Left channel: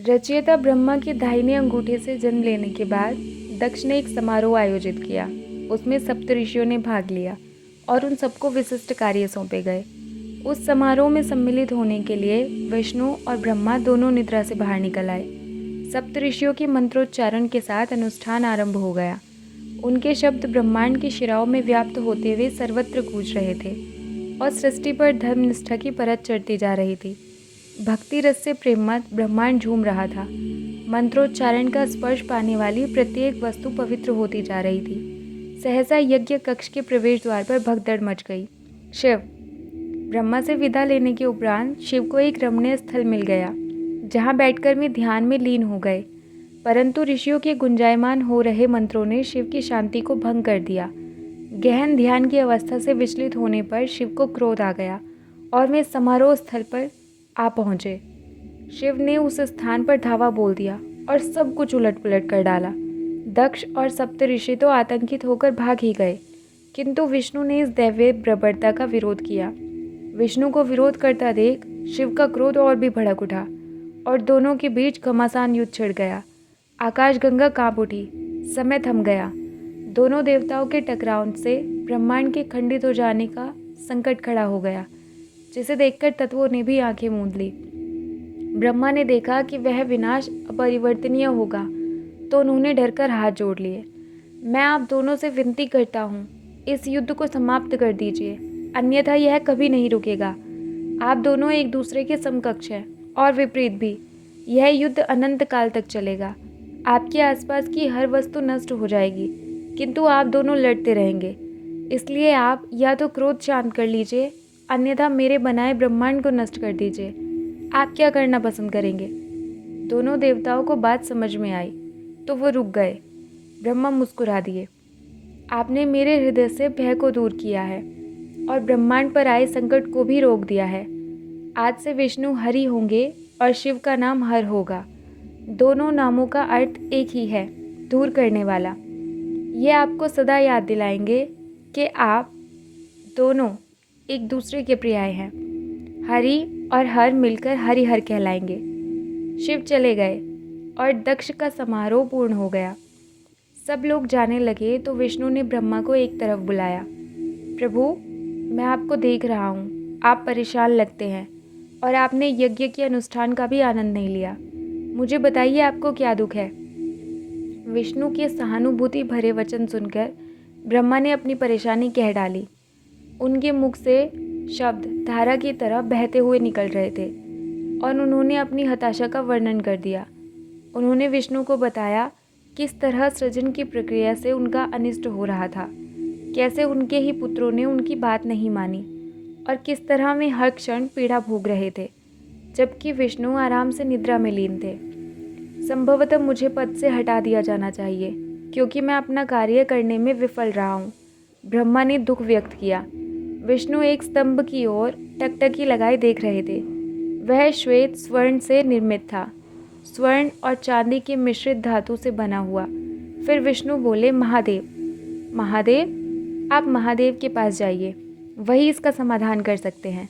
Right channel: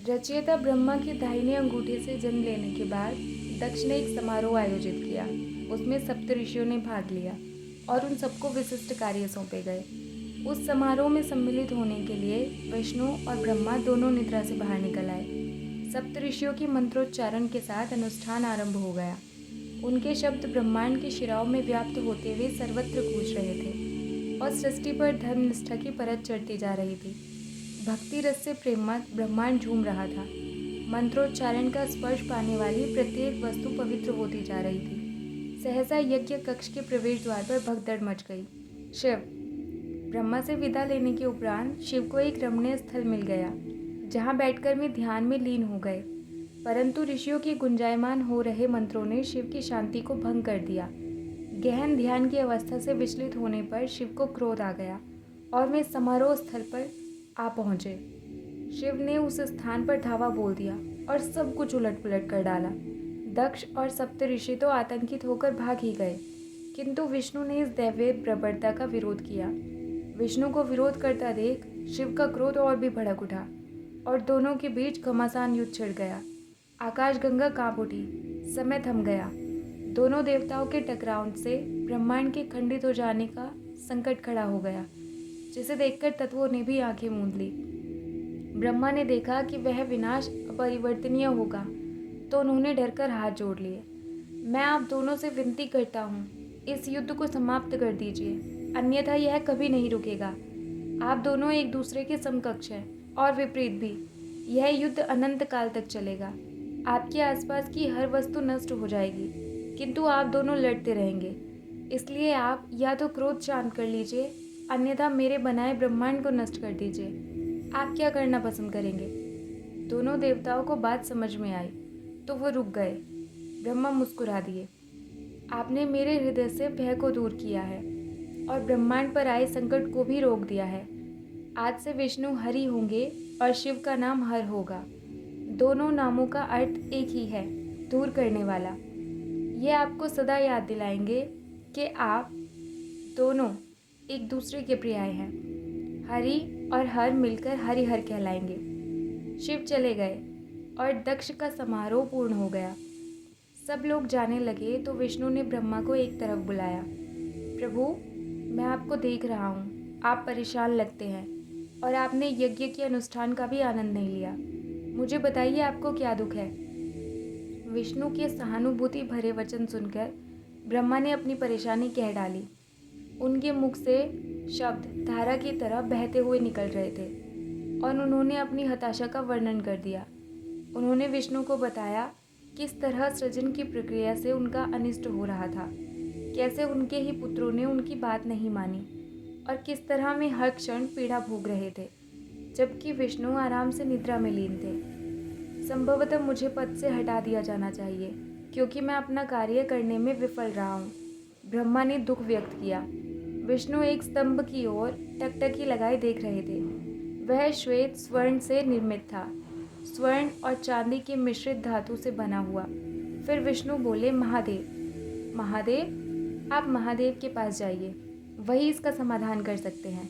रचयिता ब्रह्मा की दाहिने अंगूठे से जन्म लेने के बाद दक्ष ने एक समारोह आयोजित किया। उसमें सप्तऋषियों ने भाग लिया और उन सबको विशिष्ट कार्य सौंपे गए। उस समारोह में सम्मिलित होने के लिए विष्णु और ब्रह्मा दोनों निद्रा से बाहर निकल आए। सप्तऋषियों के मंत्रोच्चारण के साथ अनुष्ठान आरंभ हो गया। उनके शब्द ब्रह्मांड की शिराओं में व्याप्त होते हुए सर्वत्र गूंज रहे थे और सृष्टि पर धर्मनिष्ठा की परत चढ़ती जा रही थी। भक्ति रस से प्रेममत ब्रह्मांड झूम रहा था। मंत्रोच्चारण का स्पर्श पाने वाली प्रत्येक वस्तु पवित्र होती जा रही थी। सहसा यज्ञ कक्ष के प्रवेश द्वार पर भगदड़ मच गई। शिव। ब्रह्मा से विदा लेने के उपरांत शिव को एक रमणीय स्थल मिल गया, जहाँ बैठकर वे ध्यान में लीन हो गए। परंतु ऋषियों के गुंजायमान हो रहे मंत्रों ने शिव की शांति को भंग कर दिया। गहन ध्यान की अवस्था से विचलित होने पर शिव को क्रोध आ गया और वे समारोह स्थल पर आ पहुँचे। शिव ने उस स्थान पर धावा बोल दिया और सब कुछ उलट पुलट कर डाला। दक्ष और सप्तऋषि तो आतंकित होकर भाग ही गए, किंतु विष्णु ने इस दैवीय बर्बरता का विरोध किया। विष्णु को विरोध करता देख शिव का क्रोध और भी भड़क उठा और दोनों के बीच घमासान युद्ध छिड़ गया। आकाशगंगा कांप उठी, समय थम गया। दोनों देवताओं के टकराव से ब्रह्मांड के खंडित हो जाने का संकट खड़ा हो गया, जिसे देखकर तत्वों ने भी आंखें मूंद ली। ब्रह्मा ने देखा कि वह विनाश अपरिवर्तनीय होगा, तो उन्होंने डरकर हाथ जोड़ लिए। मैं आप दोनों से विनती करता हूँ, इस युद्ध को समाप्त कर दीजिए, अन्यथा यह कभी नहीं रुकेगा। आप दोनों एक दूसरे के समकक्ष हैं और विपरीत भी। यह युद्ध अनंत काल तक चलेगा। आपके आसपास की हर वस्तु नष्ट हो जाएगी, किंतु आप दोनों लड़ते रहेंगे। इसलिए आप या तो क्रोध शांत कर लीजिए, अन्यथा मेरे बनाए ब्रह्मांड को नष्ट कर दीजिए। आप क्या करना पसंद करेंगे? दोनों देवताओं को बात समझ में आई तो वो रुक गए। ब्रह्मा मुस्कुरा दिए। आपने मेरे हृदय से भय को दूर किया है और ब्रह्मांड पर आए संकट को भी रोक दिया है। आज से विष्णु हरि होंगे और शिव का नाम हर होगा। दोनों नामों का अर्थ एक ही है, दूर करने वाला। ये आपको सदा याद दिलाएंगे कि आप दोनों एक दूसरे के पर्याय हैं। हरि और हर मिलकर हरिहर कहलाएंगे। शिव चले गए और दक्ष का समारोह पूर्ण हो गया। सब लोग जाने लगे तो विष्णु ने ब्रह्मा को एक तरफ बुलाया। प्रभु, मैं आपको देख रहा हूँ, आप परेशान लगते हैं और आपने यज्ञ के अनुष्ठान का भी आनंद नहीं लिया। मुझे बताइए, आपको क्या दुख है? विष्णु के सहानुभूति भरे वचन सुनकर ब्रह्मा ने अपनी परेशानी कह डाली। उनके मुख से शब्द धारा की तरह बहते हुए निकल रहे थे और उन्होंने अपनी हताशा का वर्णन कर दिया। उन्होंने विष्णु को बताया किस तरह सृजन की प्रक्रिया से उनका अनिष्ट हो रहा था, कैसे उनके ही पुत्रों ने उनकी बात नहीं मानी और किस तरह वे हर क्षण पीड़ा भोग रहे थे, जबकि विष्णु आराम से निद्रा में लीन थे। संभवतः मुझे पद से हटा दिया जाना चाहिए, क्योंकि मैं अपना कार्य करने में विफल रहा हूँ, ब्रह्मा ने दुख व्यक्त किया। विष्णु एक स्तंभ की ओर टकटकी लगाए देख रहे थे। वह श्वेत स्वर्ण से निर्मित था, स्वर्ण और चांदी के मिश्रित धातु से बना हुआ। फिर विष्णु बोले, महादेव, महादेव, आप महादेव के पास जाइए, वही इसका समाधान कर सकते हैं।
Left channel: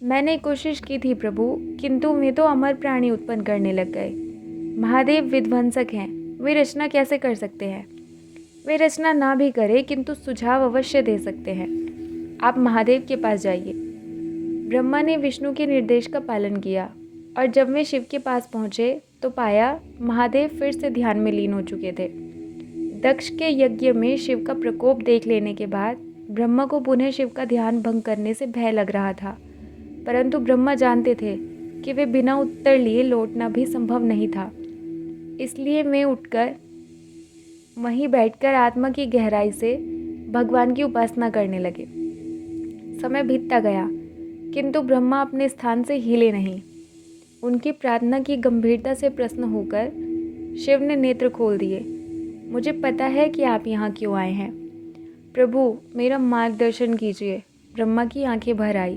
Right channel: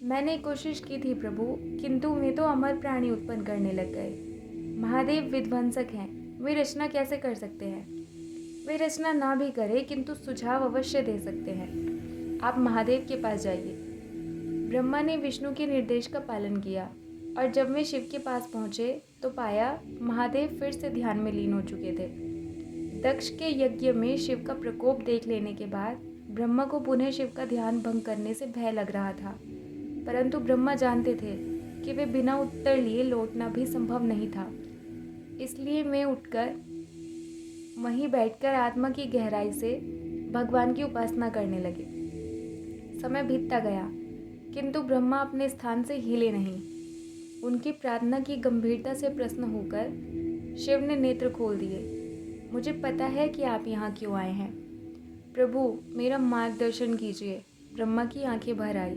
मैंने कोशिश की थी प्रभु, किंतु वे तो अमर प्राणी उत्पन्न करने लग गए। महादेव विध्वंसक हैं, वे रचना कैसे कर सकते हैं? वे रचना ना भी करे, किंतु सुझाव अवश्य दे सकते हैं। आप महादेव के पास जाइए। ब्रह्मा ने विष्णु के निर्देश का पालन किया और जब वे शिव के पास पहुँचे तो पाया महादेव फिर से ध्यान में लीन हो चुके थे। दक्ष के यज्ञ में शिव का प्रकोप देख लेने के बाद ब्रह्मा को पुनः शिव का ध्यान भंग करने से भय लग रहा था, परंतु ब्रह्मा जानते थे कि वे बिना उत्तर लिए लौटना भी संभव नहीं था। इसलिए वे उठकर वहीं बैठकर आत्मा की गहराई से भगवान की उपासना करने लगे। समय बीतता गया, किंतु ब्रह्मा अपने स्थान से हिले नहीं। उनकी प्रार्थना की गंभीरता से प्रसन्न होकर शिव ने नेत्र खोल दिए। मुझे पता है कि आप यहाँ क्यों आए हैं। प्रभु, मेरा मार्गदर्शन कीजिए। ब्रह्मा की आंखें भर आई।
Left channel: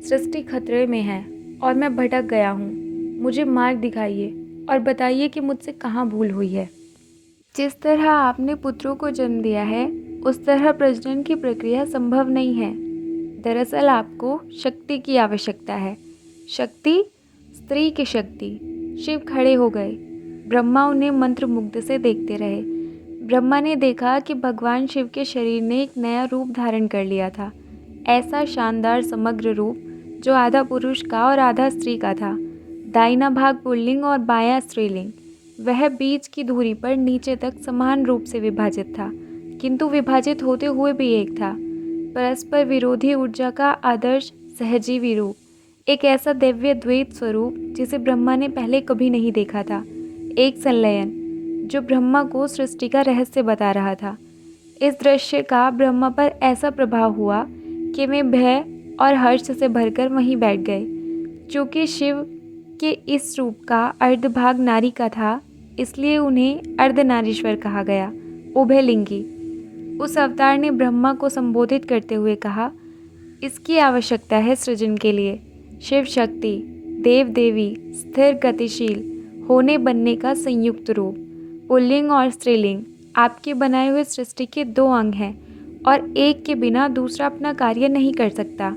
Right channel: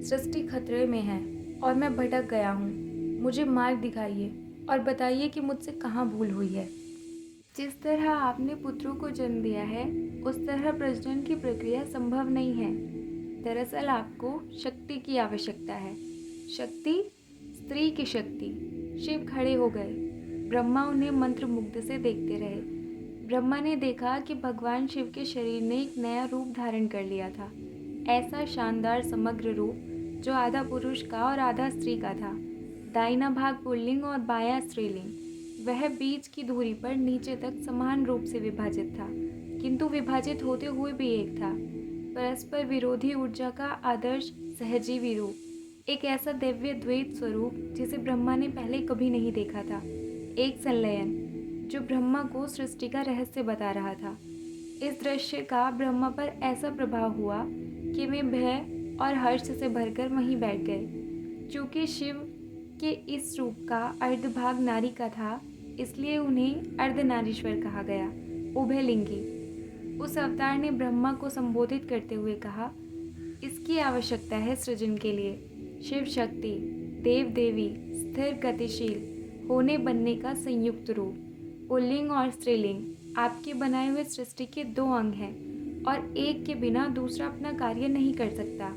सृष्टि खतरे में है और मैं भटक गया हूँ। मुझे मार्ग दिखाइए और बताइए कि मुझसे कहाँ भूल हुई है। जिस तरह आपने पुत्रों को जन्म दिया है, उस तरह प्रजनन की प्रक्रिया संभव नहीं है। दरअसल आपको शक्ति की आवश्यकता है। शक्ति, स्त्री की शक्ति। शिव खड़े हो गए। ब्रह्मा उन्हें मंत्रमुग्ध से देखते रहे। ब्रह्मा ने देखा कि भगवान शिव के शरीर ने एक नया रूप धारण कर लिया था। ऐसा शानदार समग्र रूप जो आधा पुरुष का और आधा स्त्री का था। दाहिना भाग पुल्लिंग और बायां स्त्रीलिंग। वह बीच की धुरी पर नीचे तक समान रूप से विभाजित था, किंतु विभाजित होते हुए भी एक था। परस्पर विरोधी ऊर्जा का आदर्श सहजीवी रूप, एक ऐसा दिव्य द्वैत स्वरूप जिसे ब्रह्मा ने पहले कभी नहीं देखा था। एक संलयन जो ब्रह्मा को सृष्टि का रहस्य बता रहा था। इस दृश्य का ब्रह्मा पर ऐसा प्रभाव हुआ कि वे भय और हर्ष से भरकर वहीं बैठ गए। चूँकि शिव के इस रूप का अर्धभाग नारी का था, इसलिए उन्हें अर्धनारीश्वर कहा गया, उभयलिंगी। उस अवतार ने ब्रह्मा को संबोधित करते हुए कहा, इसकी आवश्यकता है सृजन के लिए। शिव शक्ति, देव देवी, स्थिर गतिशील होने बनने का संयुक्त रूप। पुल्लिंग और स्त्रीलिंग आपके बनाए हुए सृष्टि के दो अंग हैं और एक के बिना दूसरा अपना कार्य नहीं कर सकता।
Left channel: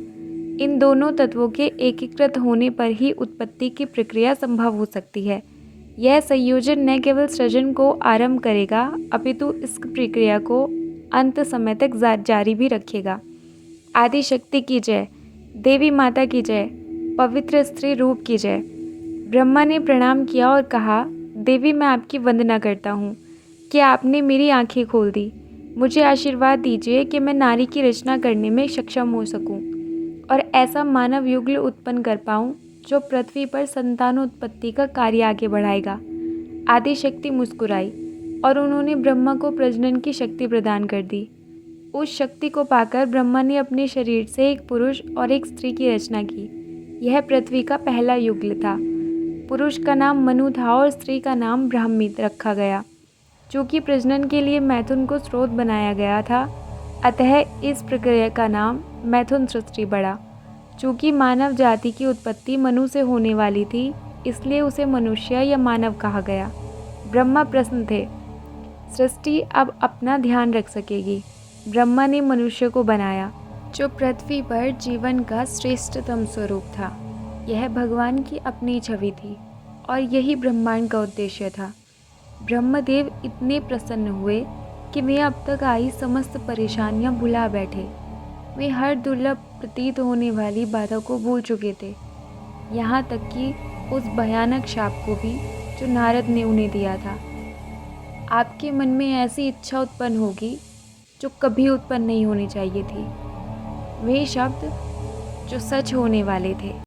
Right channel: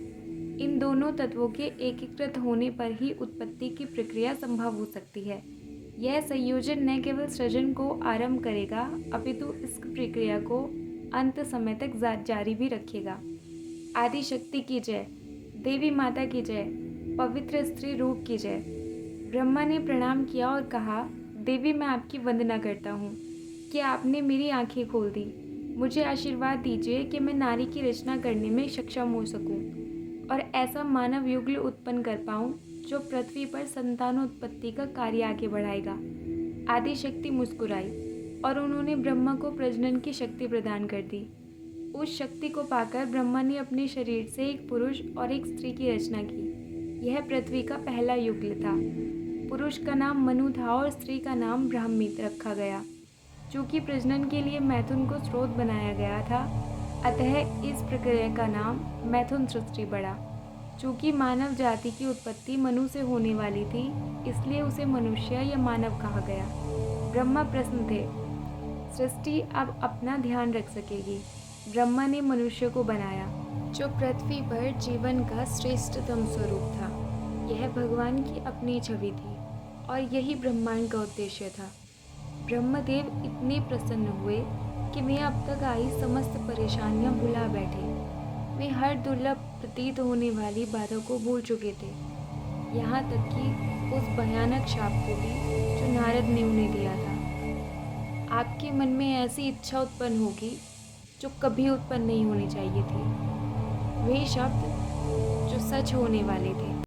इन दोनों तत्वों के एकीकृत होने पर ही उत्पत्ति की प्रक्रिया संभव हो सकती है। यह संयोजन न केवल सृजन को आरंभ करेगा, अपितु इस प्रक्रिया को अंत समय तक जारी भी रखेगा। आदि शक्ति की जय, देवी माता की जय, पवित्र स्त्री रूप की जय। ब्रह्मा ने प्रणाम किया और कहा, देवी मैं आपकी वंदना करता हूँ कि आपने मेरी आंखें खोल दी। मुझे आशीर्वाद दीजिए कि मैं नारी की रचना करने में सक्षम हो सकूं और ऐसा मानव युगल उत्पन्न कर पाऊं जो पृथ्वी पर संतानोत्पत्ति का कार्य आगे बढ़ाएगा। आदि शक्ति मुस्कुराई और उन्होंने ब्रह्मा को प्रजनन की शक्ति प्रदान कर दी। उस शक्ति को पाकर ब्रह्मा ने अपने शरीर से एक पुरुष और एक स्त्री की रचना की। यह पृथ्वी का पहला युगल था। पुरुष का नाम मनु था और स्त्री का नाम ब्राह्मी रखा गया। चूँकि प्रजनन के लिए मैथुन को स्रोत बनाया गया था, अतः इस प्रक्रिया का नाम मैथुन सृष्टि पड़ा। चूँकि मानव जाति की उत्पत्ति मनु से होने वाली थी, इसलिए उसे मनुष्य या मानव कहा गया। ब्रह्मा प्रसन्न थे, सृष्टि अब अपना ध्यान रख सकेगी। ब्रह्मा ने मनुष्य को बनाया, जो पृथ्वी पर जीवन का श्रेष्ठतम स्वरूप था। यह भगवान की अपनी छवि थी और यही ब्रह्मांड का उद्देश्य था। ब्रह्मदेव इतने प्रसन्न हुए कि वे अब तक आई समस्त परेशानियां भुला बैठे। वे हर दुर्लभ प्रतीत होने वाली बाधा को भूल चुके थे, यहाँ तक कि उस भयानक शाप को भी जो नारद ने उन्हें दिया था। आपके मन में ऐसी इच्छा उत्पन्न होगी जो कभी उत्पन्न नहीं होनी चाहिए थी। वे शब्द जो सच होने वाले थे।